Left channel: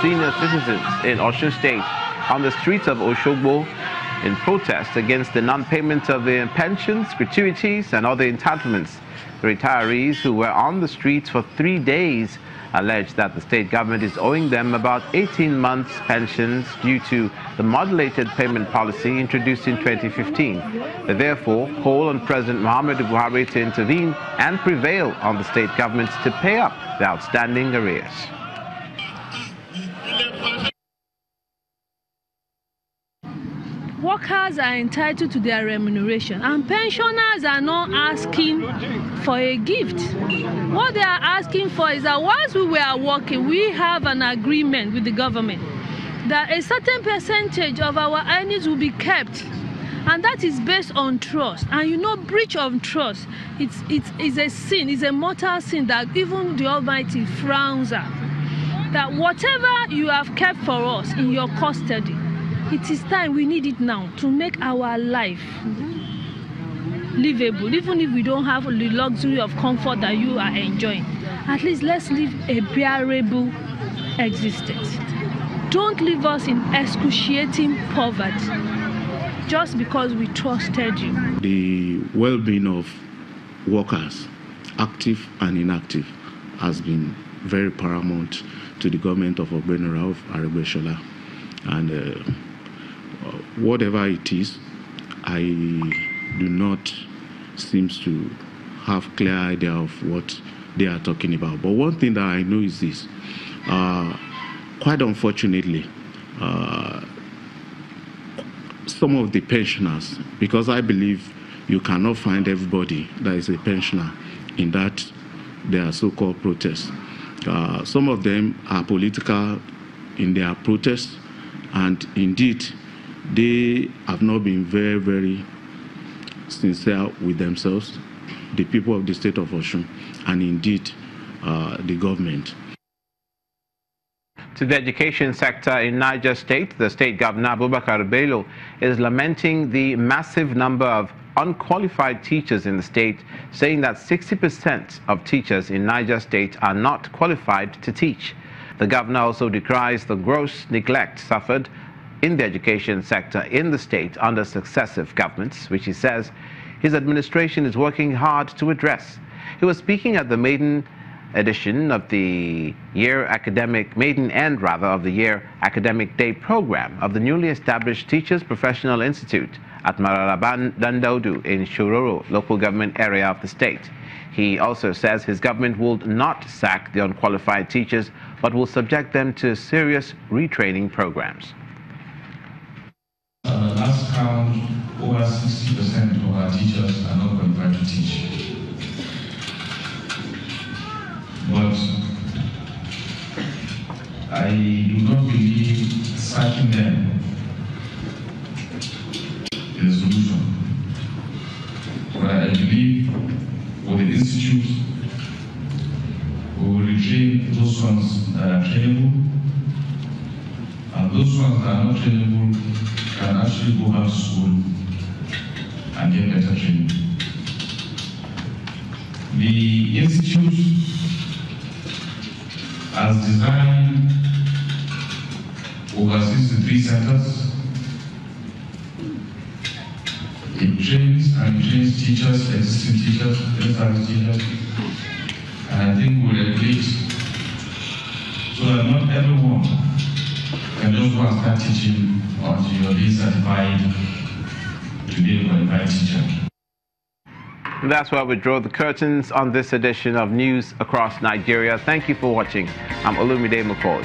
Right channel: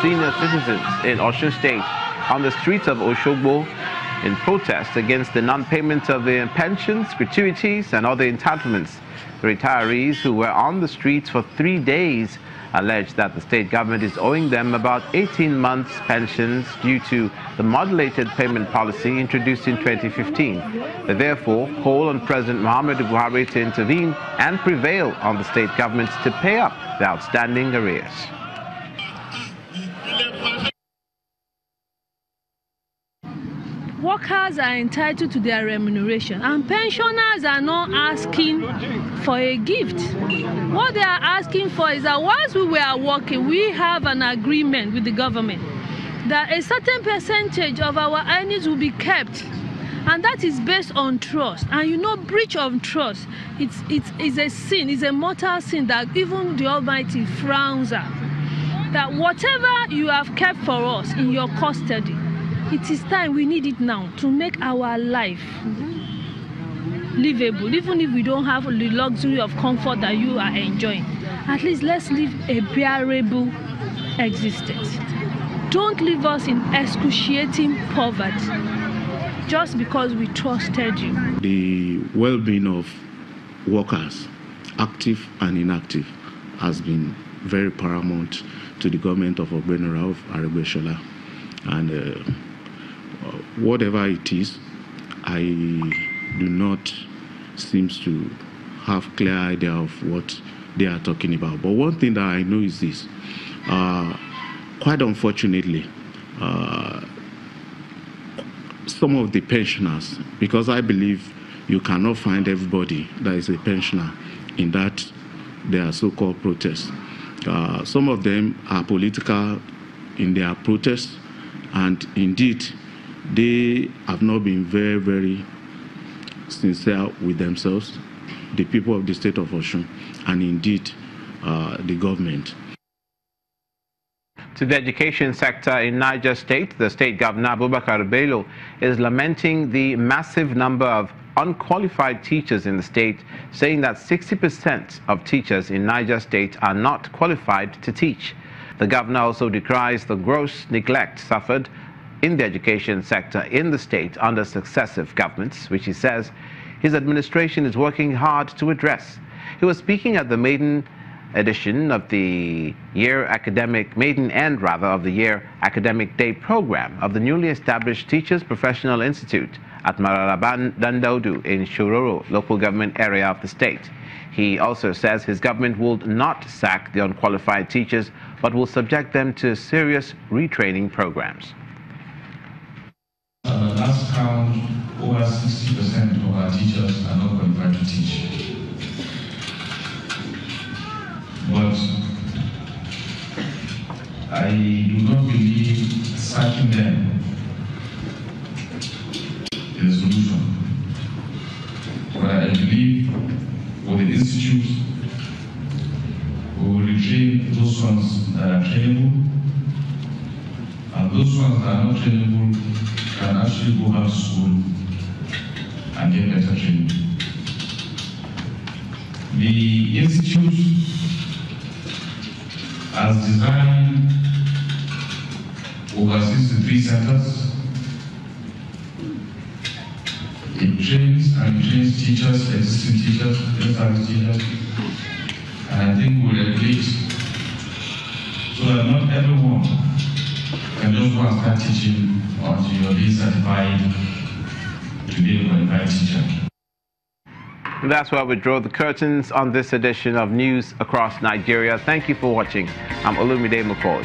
senior citizens in Osun State on the streets of Osogbo in protest against the non-payment of their pensions, gratuities, and other entitlements. The retirees who were on the streets for 3 days alleged that the state government is owing them about 18 months' pensions due to the modulated payment policy introduced in 2015. They therefore call on President Muhammadu Buhari to intervene and prevail on the state government to pay up the outstanding arrears. Workers are entitled to their remuneration, and pensioners are not asking for a gift. What they are asking for is that once we were working, we have an agreement with the government that a certain percentage of our earnings will be kept, and that is based on trust. And you know, breach of trust, it's a sin, it's a mortal sin that even the Almighty frowns at. That whatever you have kept for us in your custody, it is time, we need it now to make our life livable. Even if we don't have the luxury of comfort that you are enjoying, at least let's live a bearable existence. Don't leave us in excruciating poverty just because we trusted you. The well-being of workers, active and inactive, has been very paramount to the government of Ogbeni Rauf Aregbesola. And whatever it is, I do not seem to have clear idea of what they are talking about. But one thing that I know is this. Quite unfortunately, some of the pensioners, because I believe you cannot find everybody that is a pensioner in that their so-called protests. Some of them are political in their protests, and indeed, they have not been very, very sincere with themselves, the people of the state of Osun, and indeed the government. To the education sector in Niger State, the state governor, Abubakar Bello, is lamenting the massive number of unqualified teachers in the state, saying that 60% of teachers in Niger State are not qualified to teach. The governor also decries the gross neglect suffered in the education sector in the state under successive governments, which he says his administration is working hard to address. He was speaking at the maiden edition of the maiden end of the year academic day program of the newly established Teachers Professional Institute at Mararaban Dandodu in Shororo local government area of the state. He also says his government will not sack the unqualified teachers, but will subject them to serious retraining programs. At the last count, over 60% of our teachers are not qualified to teach. But I do not believe sacking them is a solution. But I believe for the institute, we will retrain those ones that are trainable, and those ones that are not trainable can actually go back to school and get better training. The institute has designed over 63 centers. It trains and retrains teachers, existing teachers, established teachers, and I think we'll educate so that not everyone can just go and start teaching until you're being certified to be a qualified teacher. And that's where we draw the curtains on this edition of News Across Nigeria. Thank you for watching. I'm Olumide McCoy.